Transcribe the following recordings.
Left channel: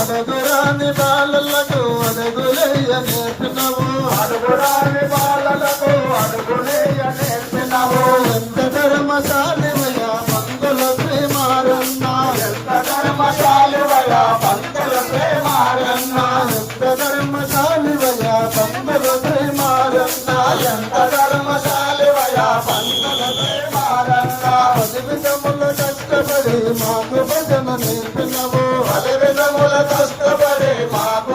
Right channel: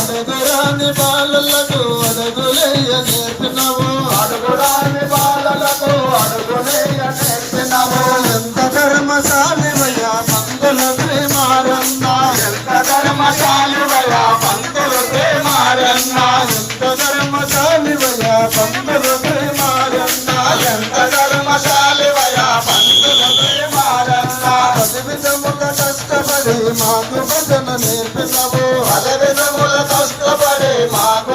అడుగురాని బాలలకు అడుగులేయ నేర్పినవు అడుగురాని బాలలకు అడుగులేయ నేర్పినవు ఎంత ధర్మశాలివయ పంతుల ప్రేమారన్న ఎంత ధర్మశాలివయ పంతుల ప్రేమారన్న ఎంత ధర్మశాలివయ పంతుల ప్రేమారన్న ఎంత ధర్మశాలివయ పంతుల ప్రేమారన్న పదివిధముల కష్టపడి మాకు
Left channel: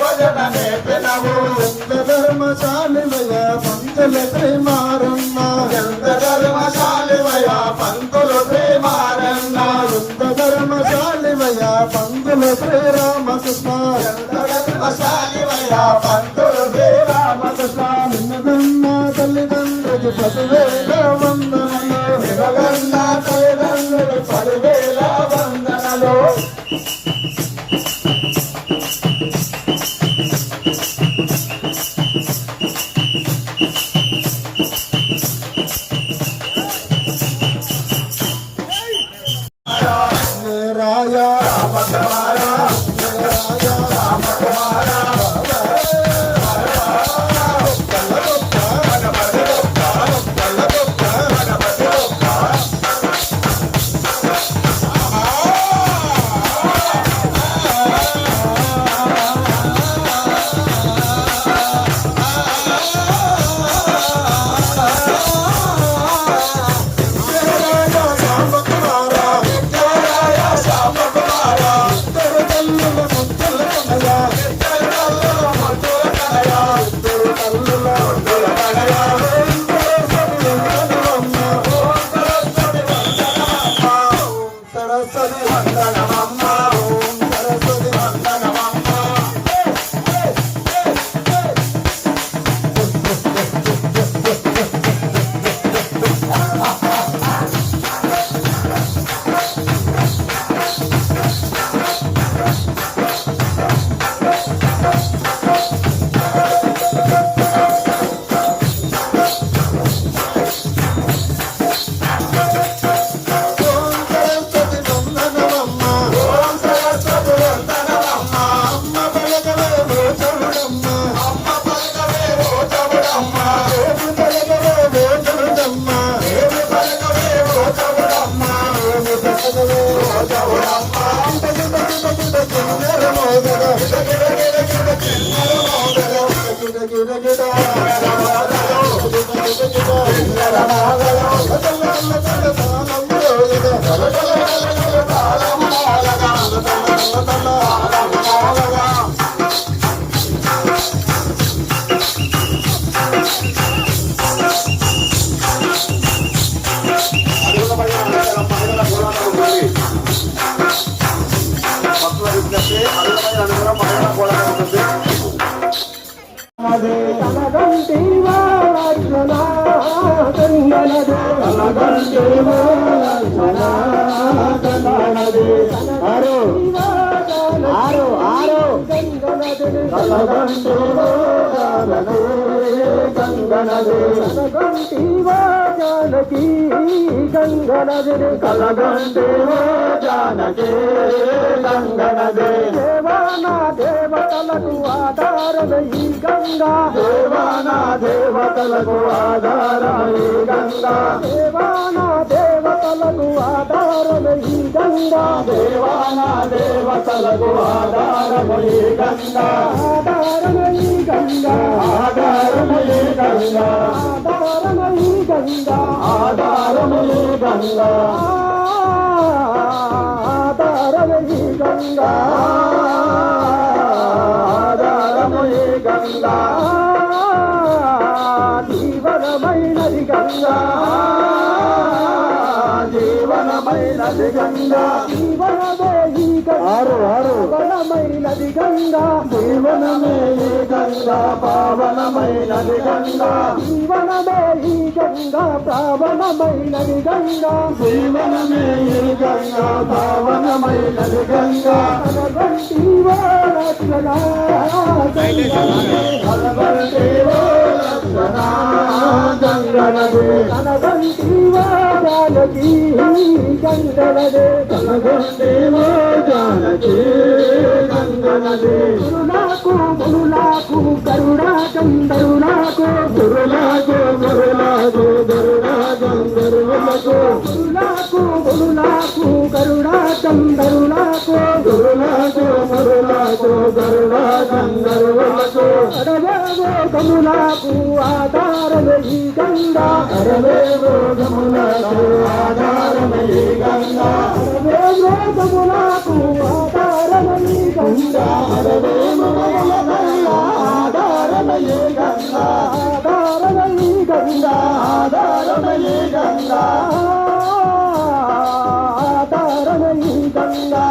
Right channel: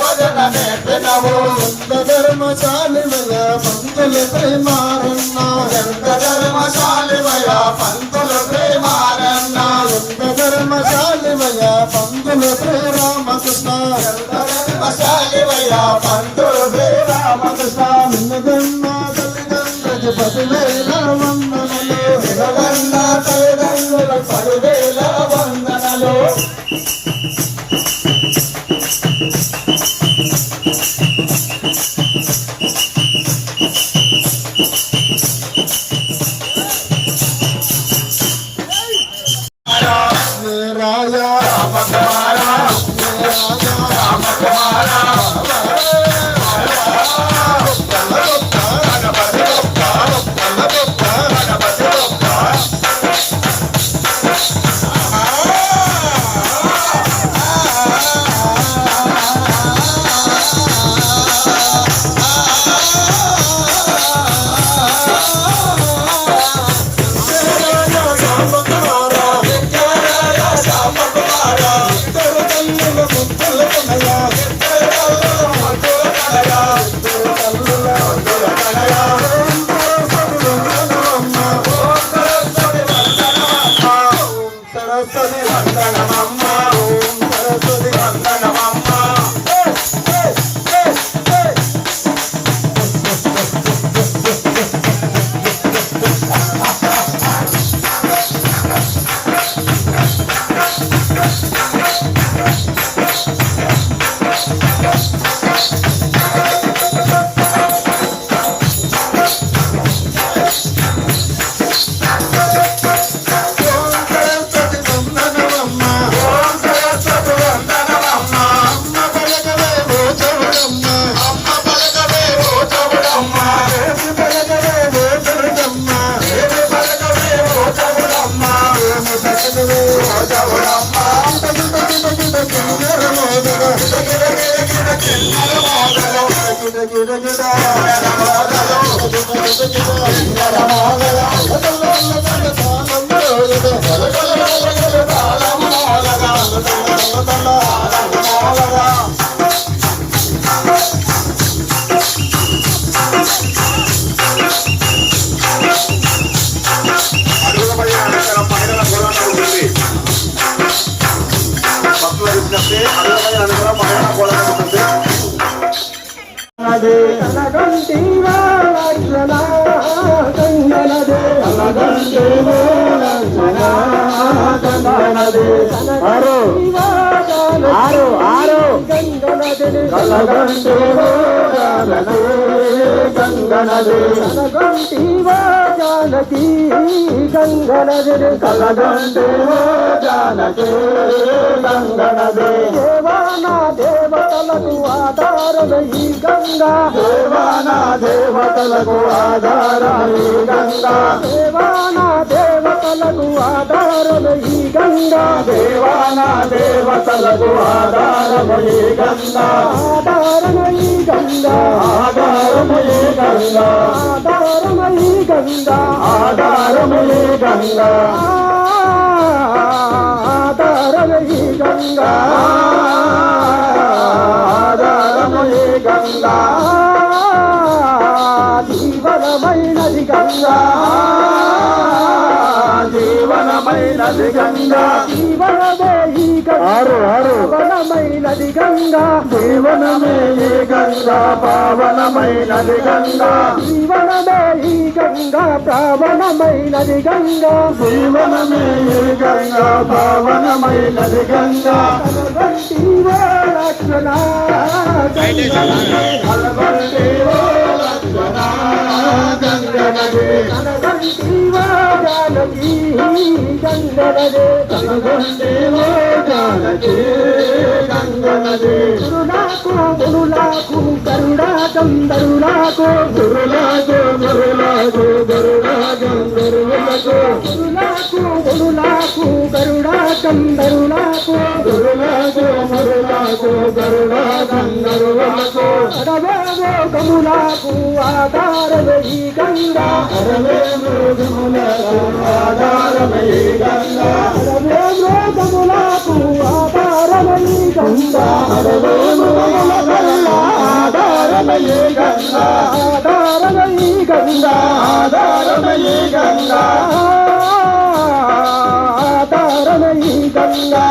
భజన నేర్పినవు ఎంత ధర్మశాలివయ పంతుల ప్రేమారన్న ఎంత ధర్మశాలివయ పంతుల ప్రేమారన్న ఎంత ధర్మశాలివయ పంతుల శ్రీరామకృష్ణ ఎంత ధర్మశాలివయ పంతుల శ్రీరామకృష్ణ నిన్నగన్న తల్లిదండ్రులకు పదివేల వందనలు నిన్నగన్న తల్లిదండ్రులకు పదివేల వందనలు ఆరు గంగనదే కలగంటివో జానకి గంగనదే కలగంటివో జానకి గంగనదే దేవానా దేవతలకు ఆధారమే ఈ గంగా దేవానా దేవతలకు ఆధారమే ఈ గంగా దేవానా దేవతలకు ఆధారమే ఈ గంగా దేవానా దేవతలకు ఆధారమే ఈ గంగా ఆధారమే ఈ గంగా ఆధారమే ఈ గంగా ఆధారమే ఈ గంగా ఆధారమే ఈ గంగా ఆధారమే ఈ గంగా ఆధారమే ఈ గంగా జీవనమైనది గంగా జీవనమైనది గంగా జీవనమే ఈ పావనమైనది గంగా జీవనమే ఈ గంగా పావనమైనది గంగా జీవనమే ఈ గంగా పావనమైనది గంగా జీవనమే ఈ గంగా పావనమైనది గంగా కలగంటివో లక్షణ కలగంటివో లక్షణ గంగనదే కలగంటివో జానకి గంగనదే కలగంటివో జానకి గంగనదే గురునాకు గురునాకు గరుడా గంధరులకు గురునాకు గురునాకు గరుడా గంధరులకు గురునాకు గురునాకు గరుడా గంధరులకు గురునాకు గురునాకు గరుడా గంధరులకు అరవేవో గములకు ఆధారమే ఈ గంగా అరవేవో గములకు ఆధారమే ఈ గంగా అరవేవో గములకు ఆధారమే ఈ గంగా అరవేవో గములకు ఆధారమే ఈ గంగా ఆధారమే ఈ గంగా ఆధారమే ఈ గంగా ఆధారమే ఈ గంగా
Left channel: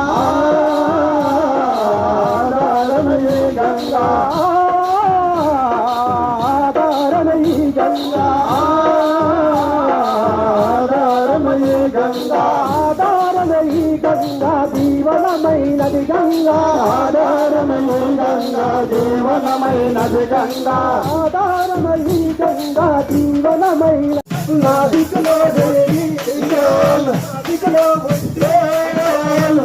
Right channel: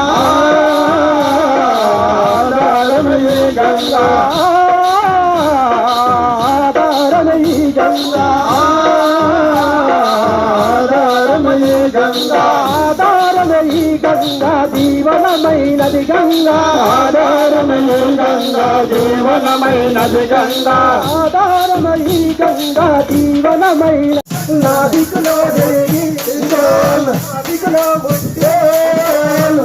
ఆధారమే ఈ గంగా ఆధారమే ఈ గంగా ఆధారమే ఈ గంగా ఆధారమే ఈ గంగా జీవనమైనది గంగా ఆధారమే ఈ గంగా జీవనమైనది గంగా ఆధారమే ఈ గంగా జీవనమైన నాదికులో దేవి నాదికులో ముత్యాలు